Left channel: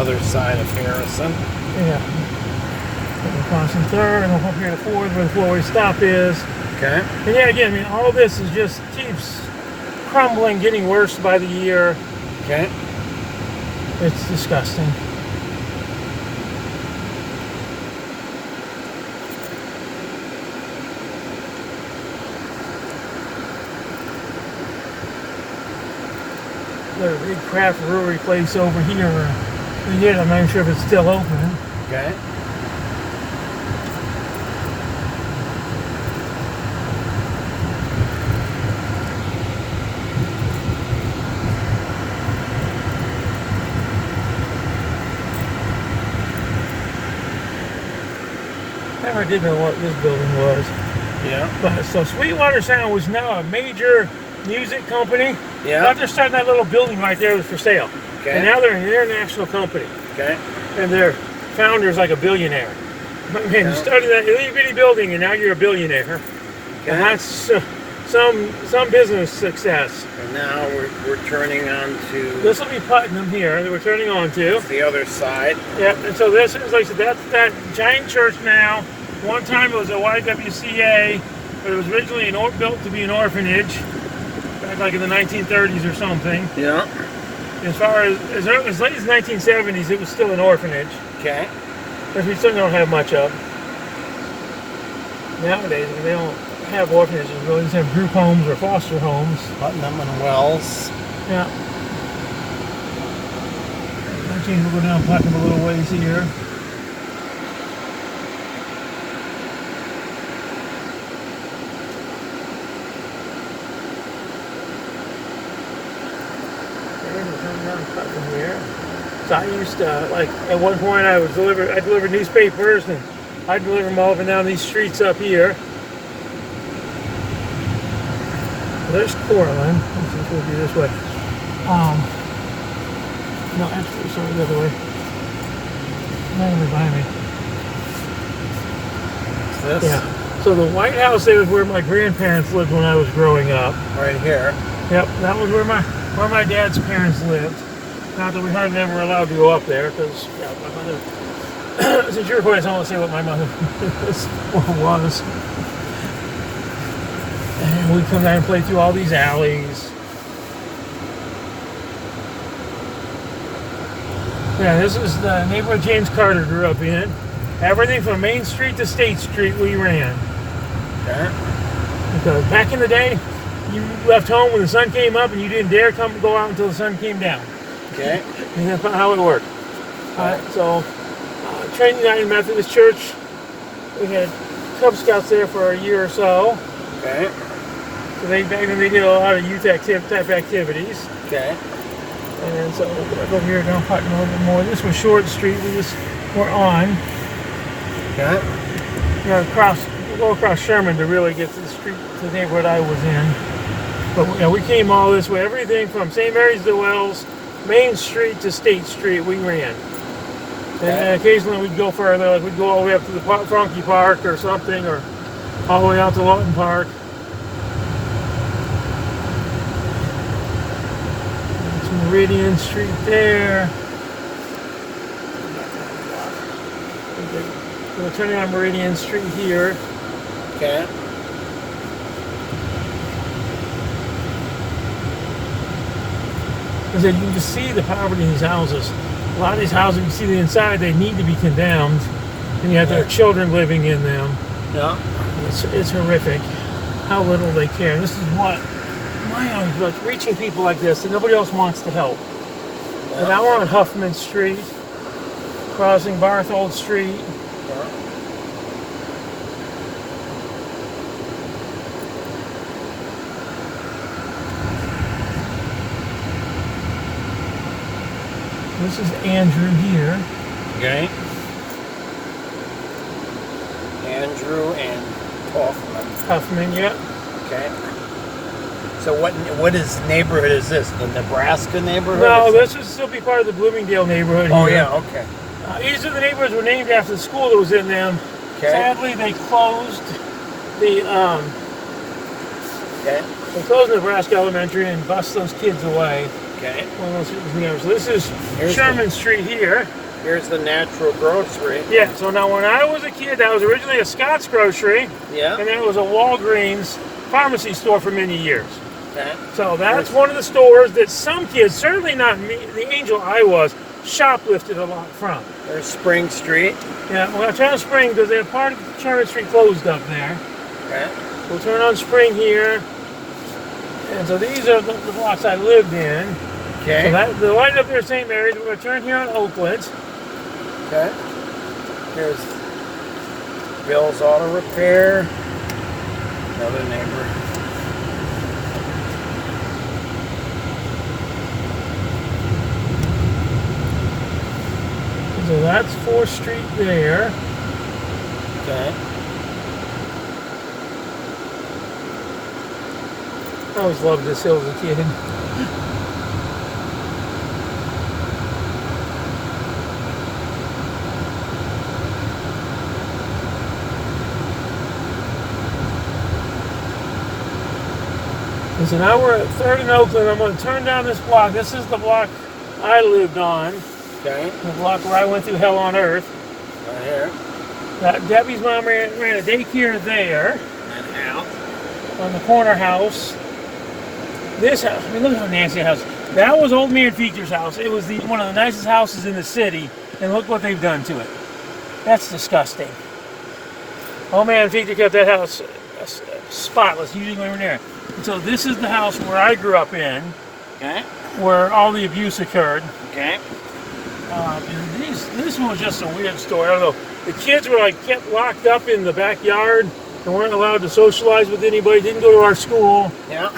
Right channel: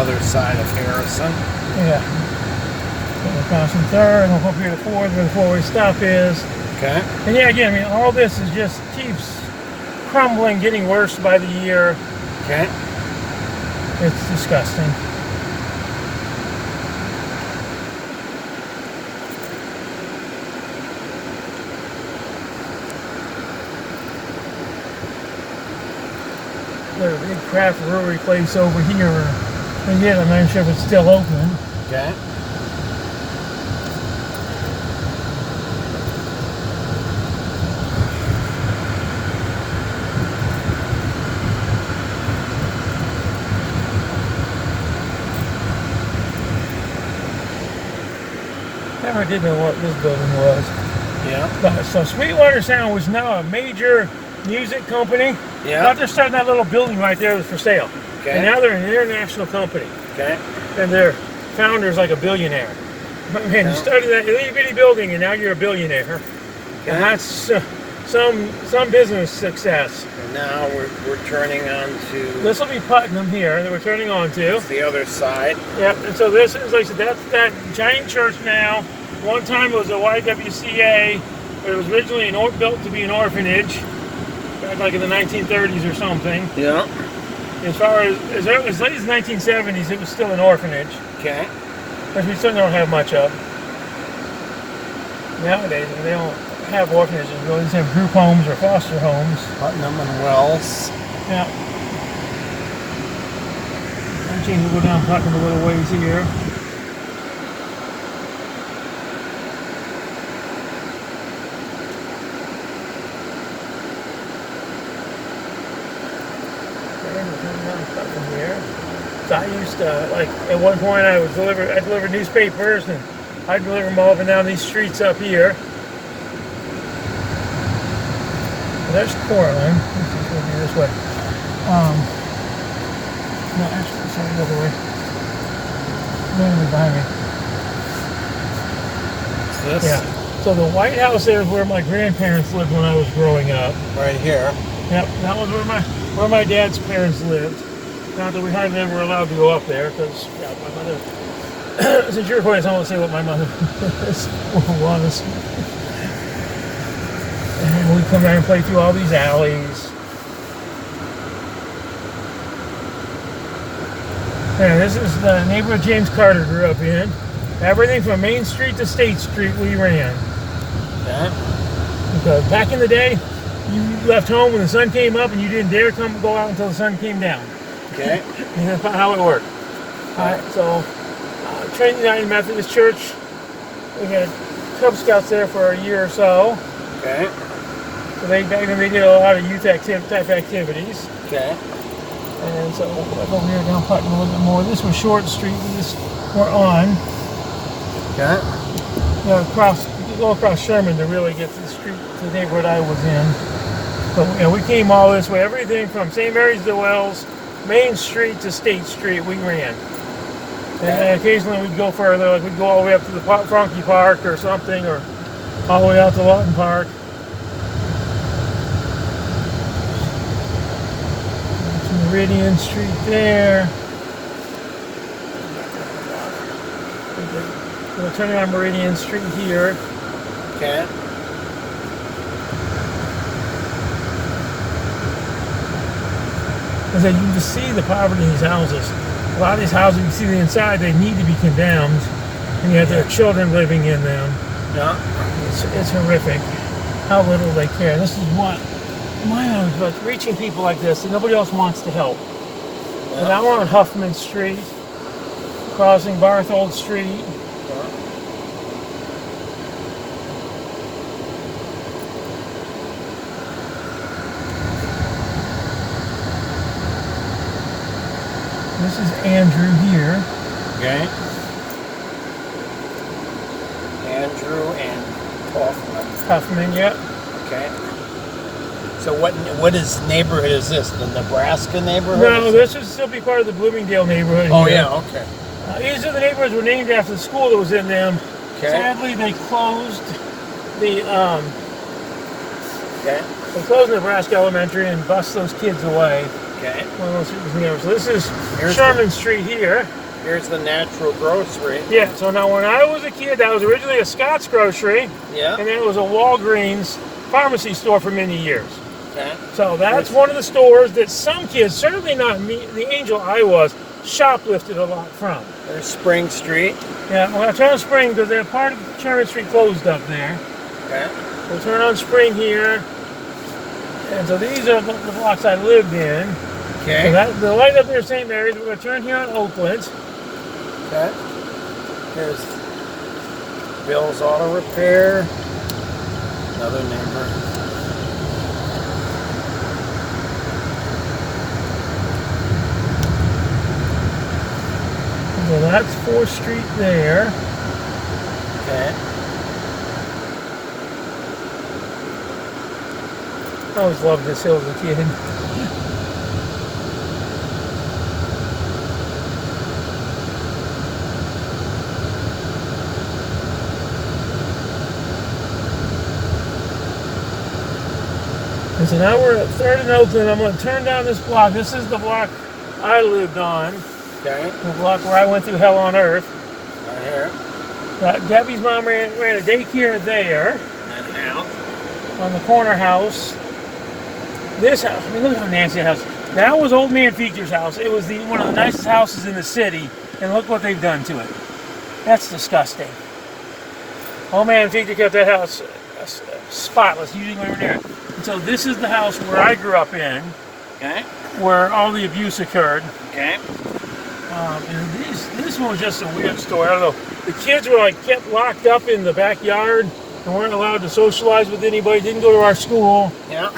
other side of Harrison. Yeah. We're crossing third, and we'll up here to Ford where the four-way stop is. Okay. And yeah, again, I mean, all this is just keeps crumbling, getting worse by the year. Okay. It's disgusting. There's a big craft brewery place over here. And yet, I'm not sure if it's still open. Okay. Never did know what this building was. Yeah. But so Sweetwater Sound was now a major music company. Yeah. Not just starting that little building right there was for sale. Okay. And now they're an international company. Okay. And their founder's like a billionaire. But man, Yeah. you started that itty bitty building and now you're a billionaire. Okay. And that's some business success. And now we're turning on to This will be Putnam here that we're turning on to. the other side. Yeah, and so this is, like I said, that's that giant church now. One time it was a YWCA, but it was originally built to be an orphanage, back like in the 1930s or something. Yeah. As far as late as 1970s, it was still an orphanage, Okay. which we still don't have much of. Nowadays, they don't have orphanages, really just have group homes or foster homes. Putnam and Wells. Yeah. We'll go down Putnam a little ways here. Here. So I used to, like, at one point I delivered newspapers, and I deliver them all up and down these streets up here. Well, there's Coraline. Let's just go this way. No, actually, sorry, the other way. No, behind me. This? Yeah. So the White House there is where my grandparents lived when I was growing up. Right here. Yep, that was where my dad's parents lived. Not that we had never allowed to go up there, because yeah, my mother. Since you're recording, so I want to say what my mother was. And we come down and play through all these alleys. Yeah, this is the neighborhood James Carter grew up in. Everything from Main Street to State Street we ran. Okay. Because back in the day, you left home when the sun came up and you didn't dare go out until the sun came down. Okay. And that's about how it worked. Alright, so Trinity United Methodist Church, we had Cub Scouts there for a year or so. Okay. So they did a lot of youth type activities. Okay. And so we'll go over here down Putnam a little bit more. This was Short Street, we just were on. Okay. You know, go across Sherman to really get to the street, to the neighborhood I was in. But yeah, we came all this way, everything from St. Mary's to Wells, Main Street to State Street, we ran. And occasionally we'd go further, like we'd go all the way up to the Frankie Park or something, or all the way out to Lawton Park. That's Meridian Street there. We're turning on Meridian Street here. Okay. Because you can just see the poverty in these houses. A lot of these houses, you can see the inside, they need to be condemned. And you have their children living in them. Yeah. It's horrific how little they care. This is what my house was, reaching people like this, and nobody else wants to help. Yeah. And now we're on Huffman Street, crossing Barthold Street. This is Andrew here. Okay. Andrew and Hoffman. Huffman, yeah. Okay. So what is neighborhood is this? The Nebraska neighborhood? No, this would still be part of the Bloomingdale neighborhood. Oh here. yeah, okay. These are the neighborhoods were named after the school that was in them. Okay. Sadly, they closed the Okay. they closed Nebraska Elementary and bused those kids away. Okay. So this is Sherman Street here. Here's the Natural Grocery. Yeah, so now when I was a kid, that was originally a Scott's Grocery. Yeah. And it was a Walgreens pharmacy store for many years. Okay. So that's one of the stores that some kids, certainly not me, the angel I was, shoplifted a lot from. There's Spring Street. Yeah, we're going to turn on Spring because that part of Sherman Street closed up there. Okay. We'll turn on Spring here. And so these are the blocks I lived in. Okay. So the light up there is St. Mary's. We're going to turn here on Oakland. Okay. Here's Bill's Auto Repair. Another neighbor. So that's 4th Street there. Okay. I always loved this hill as a kid. And so now we're at 3rd and Oakland. I'm going to turn down this block. This is the block I lived on. Okay. The block where I went through hell on earth. Right here. Debbie's mom ran a daycare there. And out. On the corner house. This house, look at how nasty house. That was Old Man Feature's house. It was one of the nicest houses in the city, and look what they've done to it. That's disgusting. Old Man Feature kept that house spotless, usually when we were there. And so this is the house where I grew up in, Okay. where all the abuse occurred. Okay. And this one was just a weird story. I don't know. The kids were kept locked up in the backyard and weren't allowed to socialize with anybody. Didn't go to our school. Yeah.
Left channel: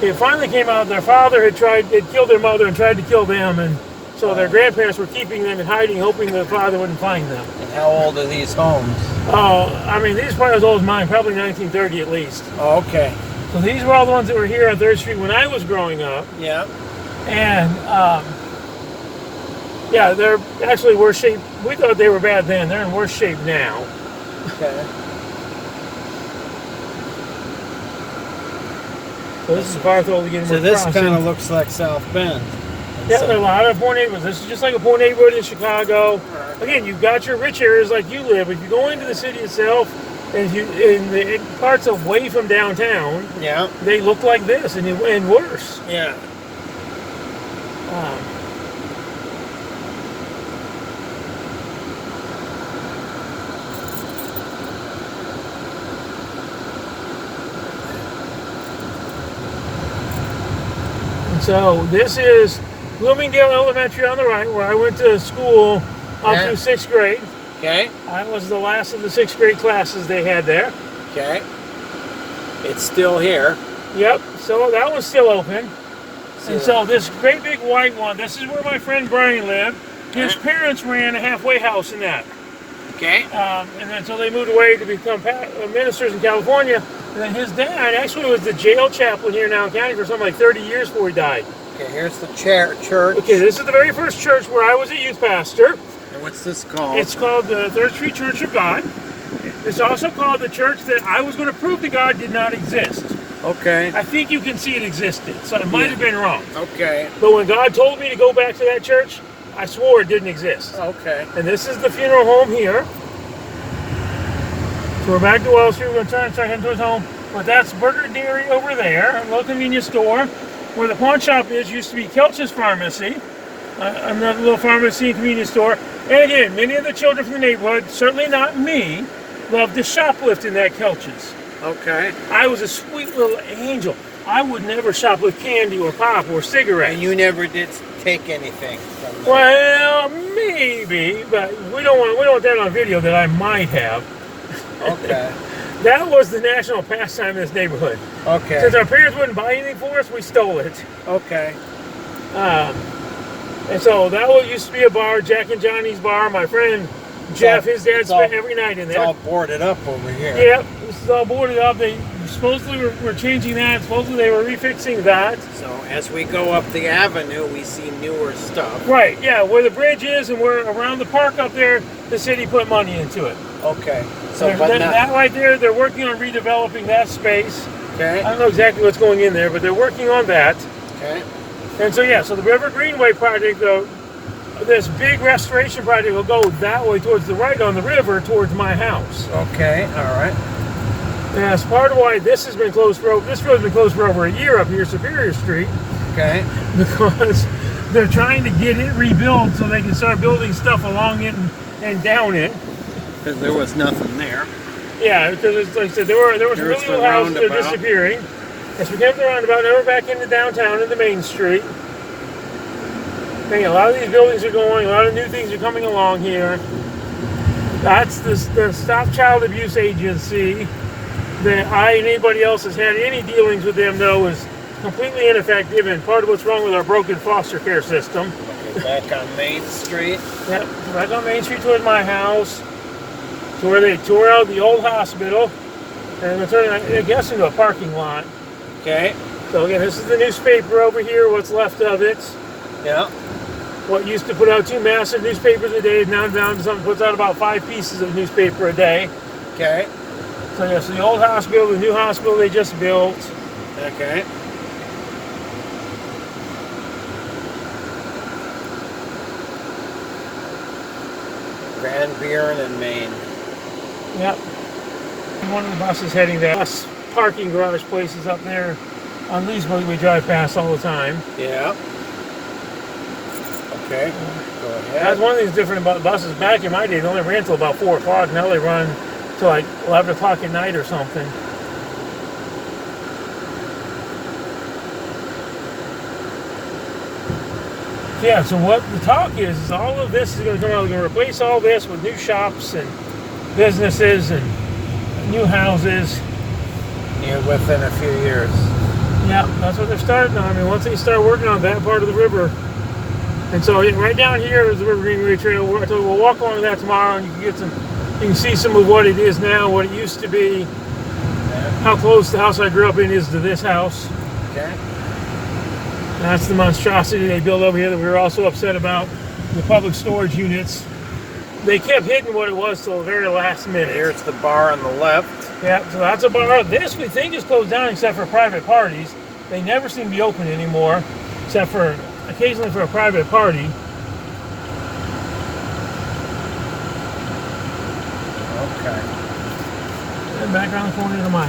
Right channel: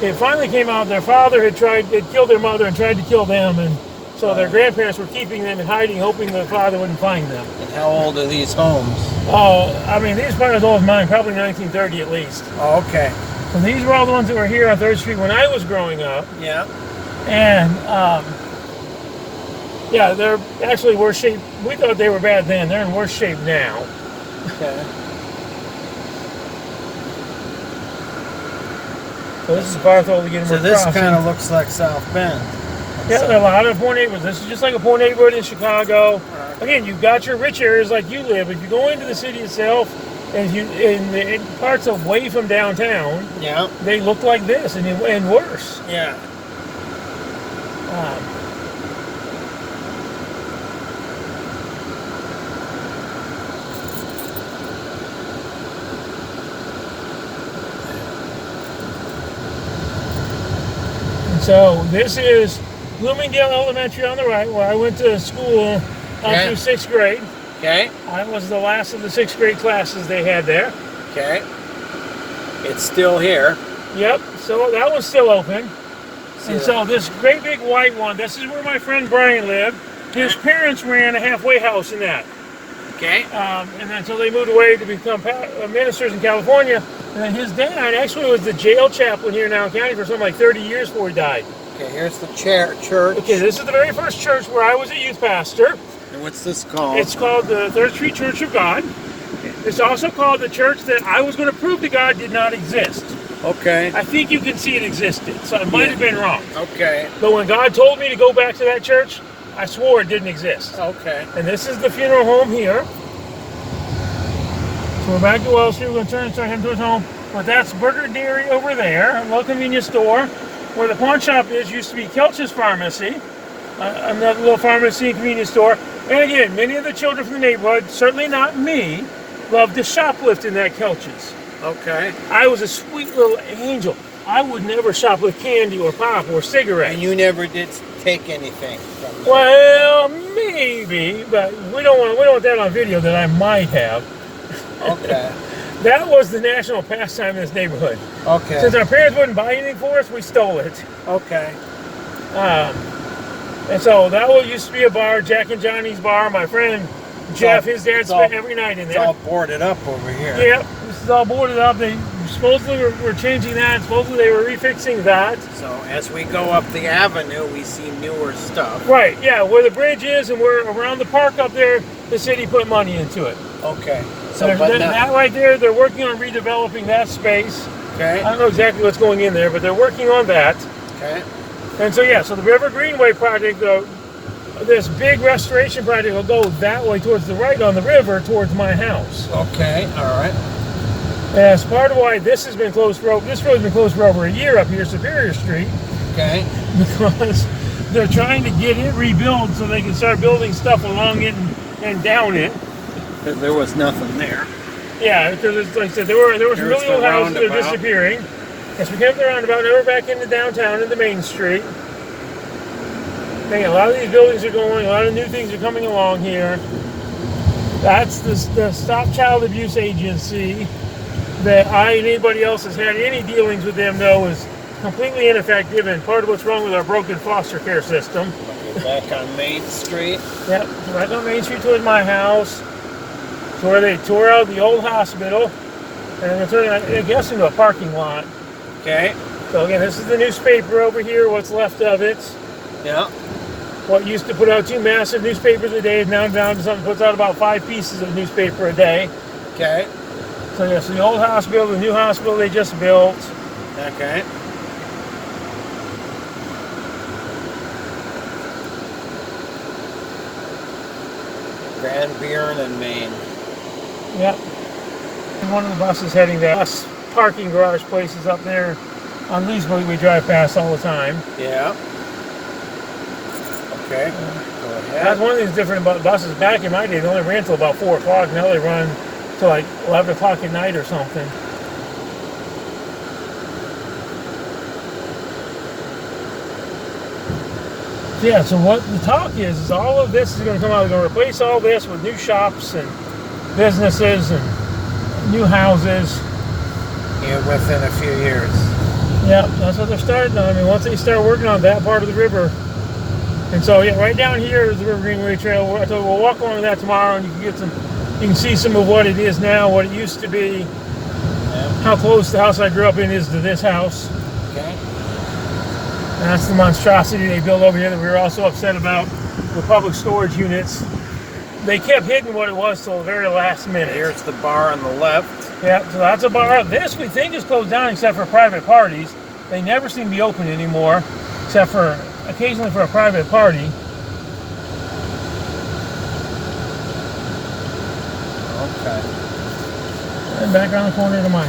It finally came out their father had killed their mother and tried to kill them, and so their grandparents were keeping them in hiding, hoping their father wouldn't find them. And how old are these homes? Oh, I mean, these are probably as old as mine, probably 1930 at least. Oh, okay. So these were all the ones that were here on 3rd Street when I was growing up. Yeah. And, yeah, they're actually worse shape. We thought they were bad then. They're in worse shape now. Okay. So this is Barthol to get So this kind of looks like South Bend. Yeah, there are a lot of poor neighborhoods. This is just like a poor neighborhood in Chicago. Again, you've got your rich areas like you live. If you go into the city itself, and in parts away from downtown, Yeah. they look like this and worse. Yeah. So this is Bloomingdale Elementary on the right, where I went to school up through 6th grade. Okay. I was the last of the 6th grade classes they had there. Okay. It's still here. Yep, so that one's still open. Yeah. And so this great big white one, this is where my friend Brian lived. His parents ran a halfway house in that. Okay. And then so they moved away to become ministers in California. And then his dad actually was the jail chaplain here in Allen County for something like 30 years before he died. Okay, here's the church. Okay, this is the very first church where I was a youth pastor. And what's this called? It's called the 3rd Street Church of God. It's also called the church that I was going to prove to God did not exist. Okay. I think you can see it existed, so it might have been wrong. Okay. But when God told me to go back to that church, I swore it didn't exist. Okay. And this is the funeral home here. So we're back to Wells Street. We're going to turn him towards home. But that's Burger Dairy over there, a little convenience store. Where the pawn shop is used to be Kelch's Pharmacy, another little pharmacy and convenience store. And again, many of the children from the neighborhood, certainly not me, loved to shoplift in that Kelch's. Okay. I was a sweet little angel. I would never shoplift candy or pop or cigarettes. And you never did take anything from them? Well, maybe, but we don't want that on video that I might have. Okay. That was the national pastime in this neighborhood. Okay. Since our parents wouldn't buy anything for us, we stole it. Okay. And so that used to be a bar, Jack and Johnny's bar. My friend Jeff, his dad spent every night in there. It's all boarded up over here. Yep, this is all boarded up. They supposedly were changing that. Supposedly they were refixing that. So as we go up the avenue, we see newer stuff. Right, yeah, where the bridge is and where around the park up there, the city put money into it. Okay. So, And but that not. right there, they're working on redeveloping that space. Okay. I don't know exactly what's going in there, but they're working on that. Okay. And so, yeah, so the River Greenway project, this big restoration project will go that way towards the right on the river towards my house. Okay. All right. And that's part of why this has been closed for this road's been closed for over a year up here, Superior Street, Okay. because they're trying to get it rebuilt so they can start building stuff along it and down it. Because there was nothing there. Yeah, because like I said, there was There's really the no houses that are roundabout. disappearing. As we came to the roundabout, now we're back into downtown into Main Street. A lot of these buildings are going, a lot of new things are coming along here. That's the Stop Child Abuse Agency that I and anybody else has had any dealings with them know is completely ineffective and part of what's wrong with our broken foster care system. Okay, back on Main Street. Yeah, right on Main Street towards my house, to where they tore out the old hospital, and they're turning, I guess, into a parking lot. Okay. So again, this is the newspaper over here, what's left of it. Yeah. What used to put out 2 massive newspapers a day is now down to something puts out about 5 pieces of newspaper a day. Okay. So yes, the old hospital, the new hospital they just built. Okay. Van Buren and Maine. Yep. One of the buses heading there. Bus parking garage places up there on Leesburg we drive past all the time. Yeah. Okay. Go That's ahead. one of these different buses. Back in my day, they only ran till about 4 o'clock. Now they run till like 11 o'clock at night or something. Yeah, so what the talk is all of this is going to come out. They're going to replace all this with new shops and businesses and new houses. Yeah, within a few years. Yeah, that's what they're starting on. I mean, once they start working on that part of the river. And so, yeah, right down here is the River Greenway Trail. I told you, we'll walk along that tomorrow, and you can see some of what it is now, what it used to be, Yeah. how close the house I grew up in is to this house. Okay. And that's the monstrosity they built over here that we were also upset about, the public storage units. They kept hiding what it was till the very last minute. Here's the bar on the left. Yeah, so that's a bar. This we think is closed down except for private parties. They never seem to be open anymore, except for occasionally for a private party. Okay. And back around the corner to mine.